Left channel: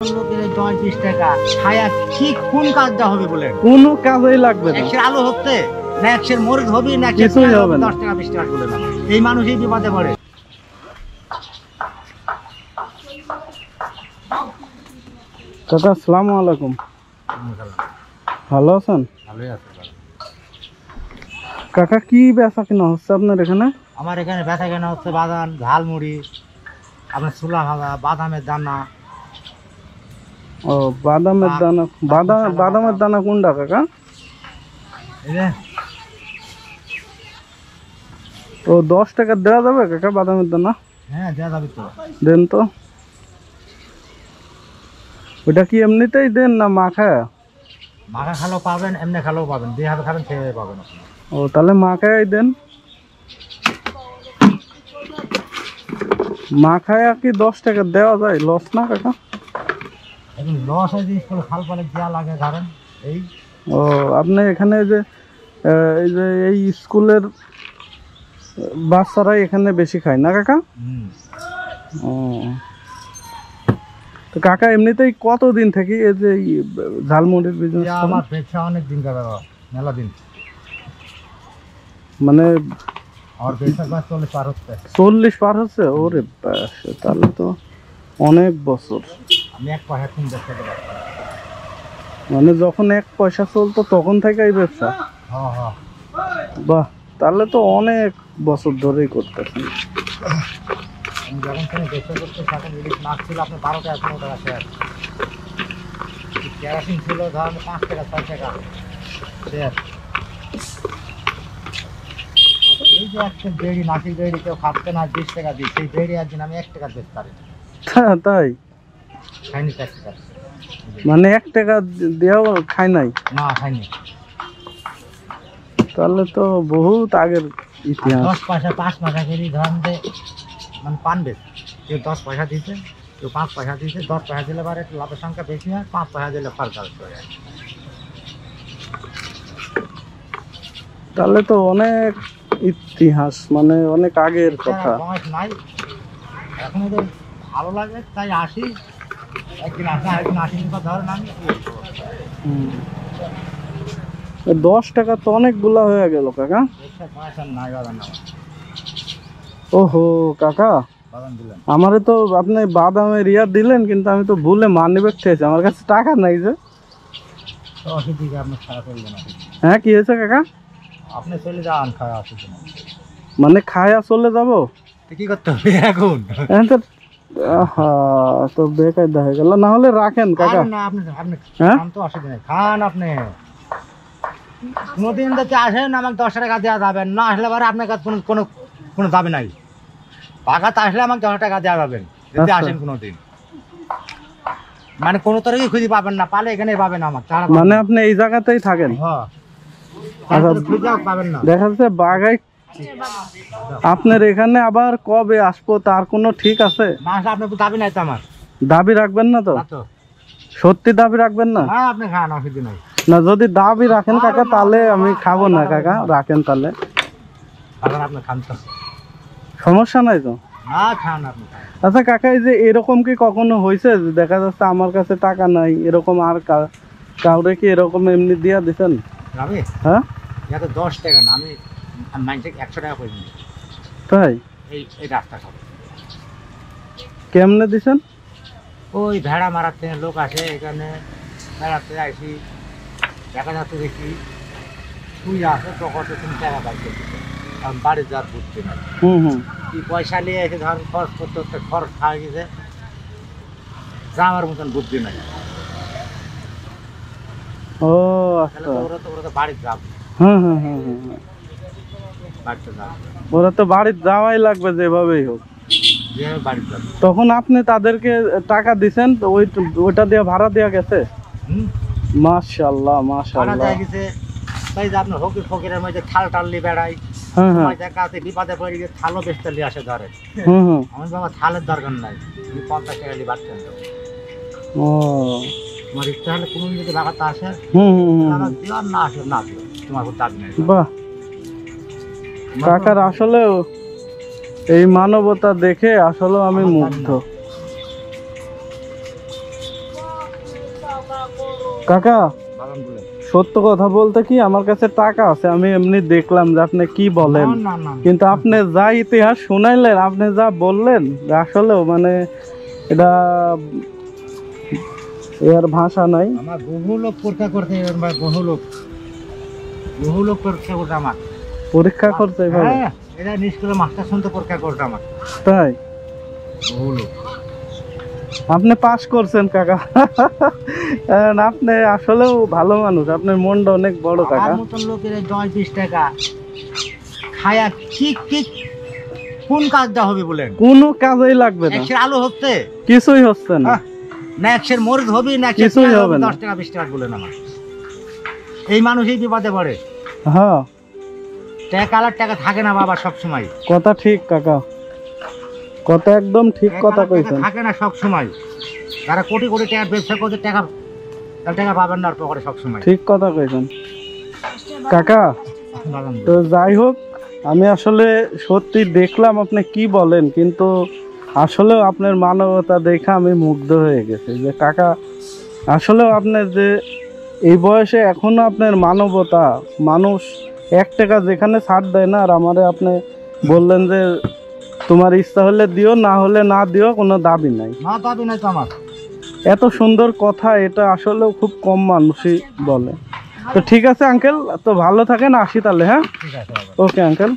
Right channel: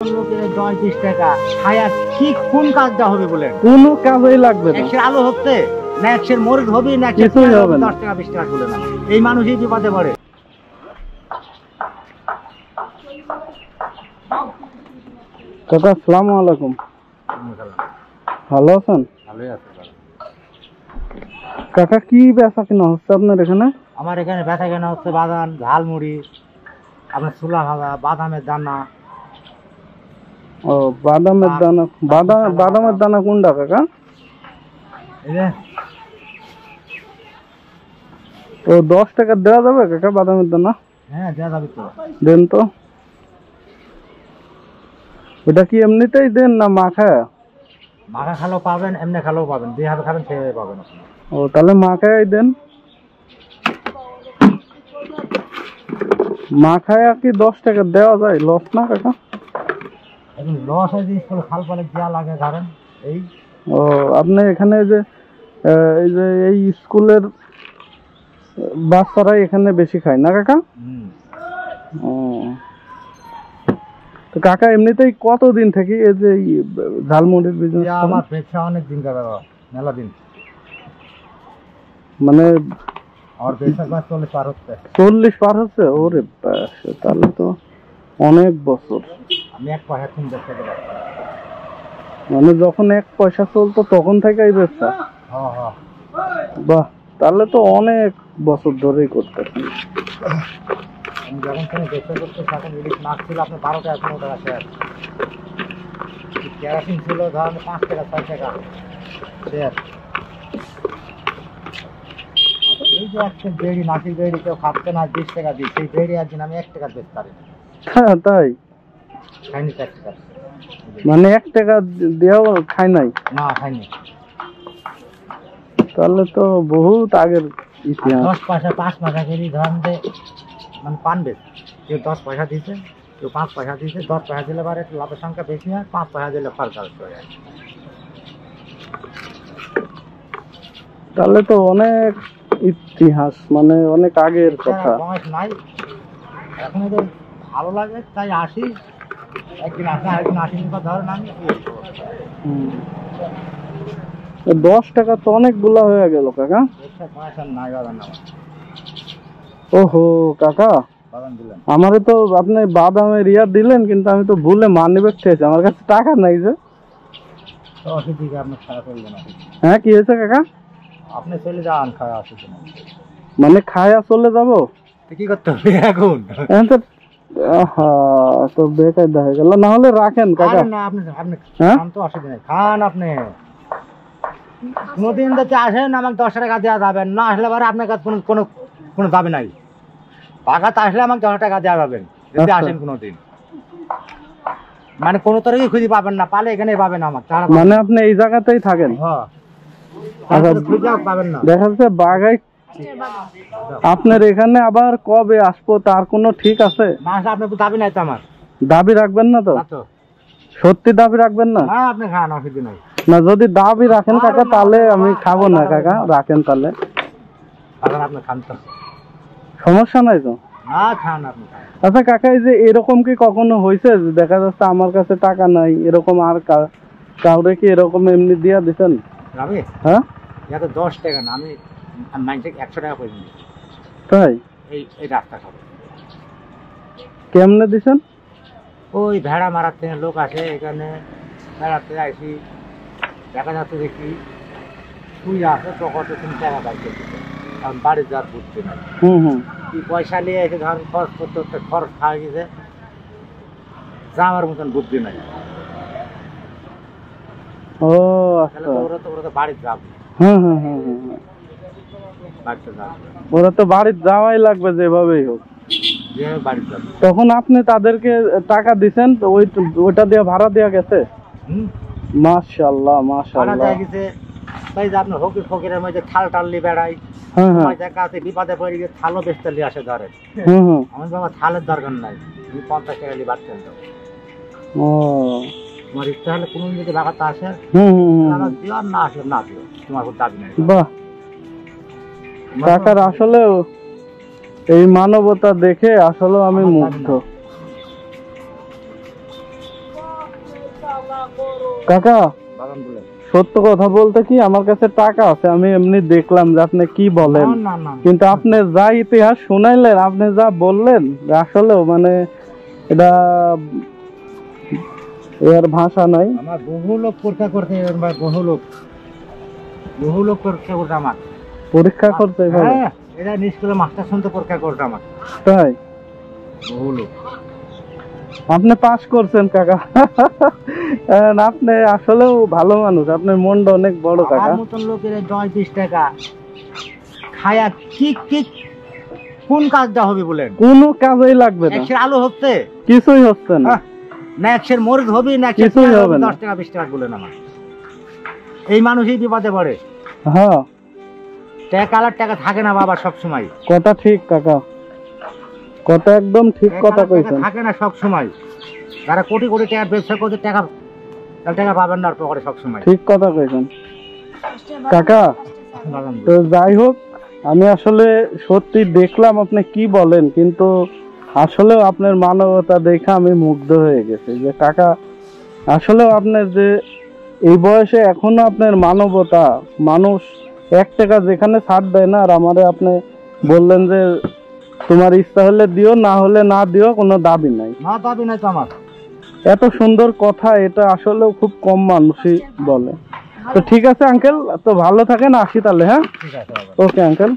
লোকের 10-20 টাকা ছায়া কি কোন কাজটা হবে বলে কোনো কাজেই লাগবে না। একশের আলো হচ্ছে না, একশের মরিচ হবে না, কিছুই হবে না। 10 টাকা 20 টাকা বলে না, এই মানুষই বিপদে পড়ে। কাকা আসসালামু আলাইকুম, ভালো আছেন? ভালোই আছে। কাকা কি বেচা কিনা হচ্ছে আপনার এখানে? আমার এখানে বেচা কেনা হচ্ছে বাদাম, ঝালমুড়ি, আপনার ছোলা ভাজা, বাদামের দানা। ও বাদামের দানা, বাদামের দানা কোনটা কাকা? এই যে ও 10 টাকা দেওয়া যাবে কাকা বাদামের দানা? হ্যাঁ দেওয়া যাবে তো। দেন তো। ওটা কি এমনিতেই দেন না মাখায়? মাখা খালেও পাবেন, এমনি খালেও পাবেন, দুই হাতে খাবেন সেভাবে পাবেন আপনি। ও তাহলে মাখায় দেন। মাখায় কি 10 টাকা দেওয়া যায়? লস না কাকা? এখন লস হয় জিনিস করে খাল পালে দেওয়া লাগে ধরেন এই। ও আপনি এখানে যে এই যে এই স্কুলের বাচ্চারাই এখানে বেশি খায় না কাকা? ও তো কাকা এমনিতেই কতদিন থেকে এই যে ঝালমুড়ির বিজনেস? আমার ব্যবসা অনেক দিন কাকা, মেলা দিন। মানে আমার ব্যবসা 40 পার হচ্ছে। 40 পার হচ্ছে? ওরে বাস, তাহলে তো অনেক বছর। আমি এক পয়সা কিন ব্যবসা করে। মানে যখন 1 পয়সা চলতো তখন থেকে এই ব্যবসা? হ্যাঁ হ্যাঁ। বাহ, তাহলে তো অনেক বছর ধরেই করতেছেন। আমি যখন থেকে ব্যবসা করতে তখন ইলিশ মাছ ছিল আপনার 12 টাকা 15 টাকা শেয়ার। কেরাসিন ছিল ধরেন 5 টাকা 6 টাকা শেয়ার। এই যে একটা বেড়ি, নাসির বেড়ি কেউ খাচ্ছে না, 20 টাকা দিই, সেই বেড়ি একদিন আমি 1 টাকা বেচতে পারি। তাই? খাইনি 1 টাকা। মানে 1 টাকা দেওয়াও খায় নাই? না খাইনি। তাহলে তো বহুত আগের ইতিহাস। 10 পয়সা 5 পয়সা কেজি ধরেন যে মানে পান বেশ, কেউ 10 পয়সা দিতে, কেউ 5 পয়সা দিতে। 10 পয়সা দিলে পরে একটু লাভের সংখ্যা বেশি হয়, 5 পয়সা দিলে খরচ হয়ে যায়। তাহলে তো অনেক ইতিহাস, মানে অনেক আগের কথা। বয়স নাই, এখন এদের ভালো লাগে তাই আসি। একদিন আসি, আরেকদিন আসি না, ধরেন আমি 10 টাকা তো অনেকগুলা হয়ে গেল কাকা। পয়সা নাই বাগান আমার। ওহো কাকা, বাগান দিলেন আমারে তো আপনি বাদামের ইয়া দিলেন, কিন্তু আমি তো ভুলে মানিব্যাগ খেয়েছি, আমার কাছে টাকা নাই যে। তো অসুবিধা আপনার খারাপ করবে না। হ্যাঁ কি হয়েছে কাকা? আপনি চলে যান, খাওয়া অসুবিধা না। মানে খায়া চলে যাবো? তো কি করতে হবে এখন? তো বেকায়দা হয়ে গেল, না হলে রাখেন কাকা। না আপনি আপনি হ্যাঁ খান তো, অসুবিধা নেই, খান আপনি। কোনোদিন যদি আসেন আমাকে 10 টাকা দেওয়া যাবেন, না আসলে পরে আপনার কাছে কোনো কোনো কোনো দাবি নাই। বাগাতে আসলে আমাকে 10 টাকা দেওয়া যাবেন যদি আচ্ছা। আসেন কোনোদিন। মানে কোনো তরফই খুঁজে পাবেন না, পালে এখানে পাবেন আমাকে। মানে আপনি এই জায়গাতেই থাকেন? হ্যাঁ, তারপরে খুঁজেও পাবেন না। দেখা যাচ্ছে বাগাই আপনার এখানে আবার কবে আসবো তার কোনো ঠিক আছে? না আসলে আপনার তো দাবি নাই তো আমার। দাবি রাখবেন না তো? না তো। সত্যি দাবি রাখবেন না? না আপনি খান, অসুবিধা নাই। না যদি দাবি রাখেন কাকা তাহলে আমি খাবো না কাকা, রাখেন তাহলে। বাগান আপনি খান তো, সমস্যা নাই তো? না খান আপনি খান। আচ্ছা কাকা, এই যে এরকম কি কখনো হয়েছে যে দেখা যাচ্ছে আমার কাছে টাকা নাই, এরকম আর কাউরে কি এরকম এমনি দিয়া দিচ্ছেন? আমি হ্যাঁ, এটা তো 10 টাকা না, আমি মাইন্ডে 100 টাকা করে দিই। তাই? এই রাস্তা খাবো। কেমনে দিছেন? ওই ভেড়া মারার থেকে লোক আসে এখানে, বেড়াতে আসি, দেখা যাচ্ছে দেখি তুই আসে তো কত 3 টাকা পাইছে, কারণ বাড়ি যাওয়ার বুঝতে নাই। কি পয়সা নিয়ে এসে ধরেন খরচ করতে করতে খরচ খাওয়া গেছে, যাওয়ার মতন বুদ্ধি নাই। ও তাহলে আচ্ছা। তো ওরা তো বাড়ি যাবে, বাড়িতে যাবে, ওরা তো বাড়িতে যাওয়াই লাগবে যেভাবেই হোক, যেভাবে বাড়ি যাবে। তখন আপনি তাদেরকে টাকা দিছেন তো ওইটা দিয়ে ভাড়া দেওয়া গেছে? মাশাআল্লাহ ভাড়া মাশাআল্লাহ। দেওয়া গেছে তাই যে আপনার ফকিরের মধ্যে থাল টাললি বেড়াই, সময় দেখা আছে বিপদে পড়ে গিয়ে থালও বেচতে নিয়ে আসে ধরে। আমার বাবা থালের দরকার নাই, তুমি 50 টাকা নিয়ে বাড়তেন। ও তোমার ইচ্ছা হলে কোনো যদি বাগাতে আসে দিও, আর না আসলে না দিও, তোমার কোনো দাবি নাই। বাহ, কাকার আসলে এই মানবতা দেখে আসলে আমি মুগ্ধ। কাকা বাগান বলে সত্য কথা বলতে কি আমার কাছে টাকা আছে, আমি এমনি দেখলাম যে আপনি কি বলেন, না না কিন্তু আপনি যা ইতিহাস শুনাইলেন, আপনি যা বললেন আসলেও মানে এটা এর ভাষা নাই। আমার বহু লোক পরীক্ষা করতে, বহু লোক পরীক্ষা করতে আমার, পরীক্ষা করতে এভাবে? হ্যাঁ এটা নিষ্কলে মাস্টার শুনতে পরীক্ষা করতে আমার তাই? বহু লোক। আপনি পাস করছেন কাকা। আপনি আসলেও ভালো মানুষ, আপনার মনটা অনেক বড় কাকা। আমার মতন লোকের 10-20 টাকা খায়া কি কোন কাজটা হবে বলেন? কোনো কাজেই লাগবে না, একশের আলু হচ্ছে কিছুই হচ্ছে না, না একশের মরিচ হবে, না কিছুই হবে না। 10 টাকা 20 টাকা বলেন আমার। এই মানুষই বিপদে পড়ে। হ্যাঁ টাকা টাকা থাকে না বাবা সব সময়। কথা ঠিক কাকা, কথা একদম ঠিক কথা কইছেন। থাকে না সব সময়। যারা কোটি কোটি টাকার ব্যবসা করছে টাকা পাবেন না পকেটে সব সময়। ঠিক কথা কইছেন কাকা। তো যাই হোক, আমি আসলে সত্যি দেখলাম আপনি কি বলেন, কিন্তু আসলেও আপনার মানবতা দেখে আমি মুগ্ধ হয়ে গেছি যে কাকা আসলেও আপনার যে এই বয়সে এখনো আপনার মানবতা, মানুষ 1 টাকা যেখানে ছাড় দেয় না, আর আমারে আপনি বললেন যে তোমার ইচ্ছা হলে দিও, না হলে না দিও, কোনো দাবি নাই। না দাবি নাই তো আমার। এত সুন্দর কথা, এটা আসলেও খুব কম মানুষই বলে। তো ঠিক আছে আঙ্কেল, তো ভালো থাকেন, আসি তাহলে। হ্যাঁ ঠিক আছে বাবা। Okay uncle.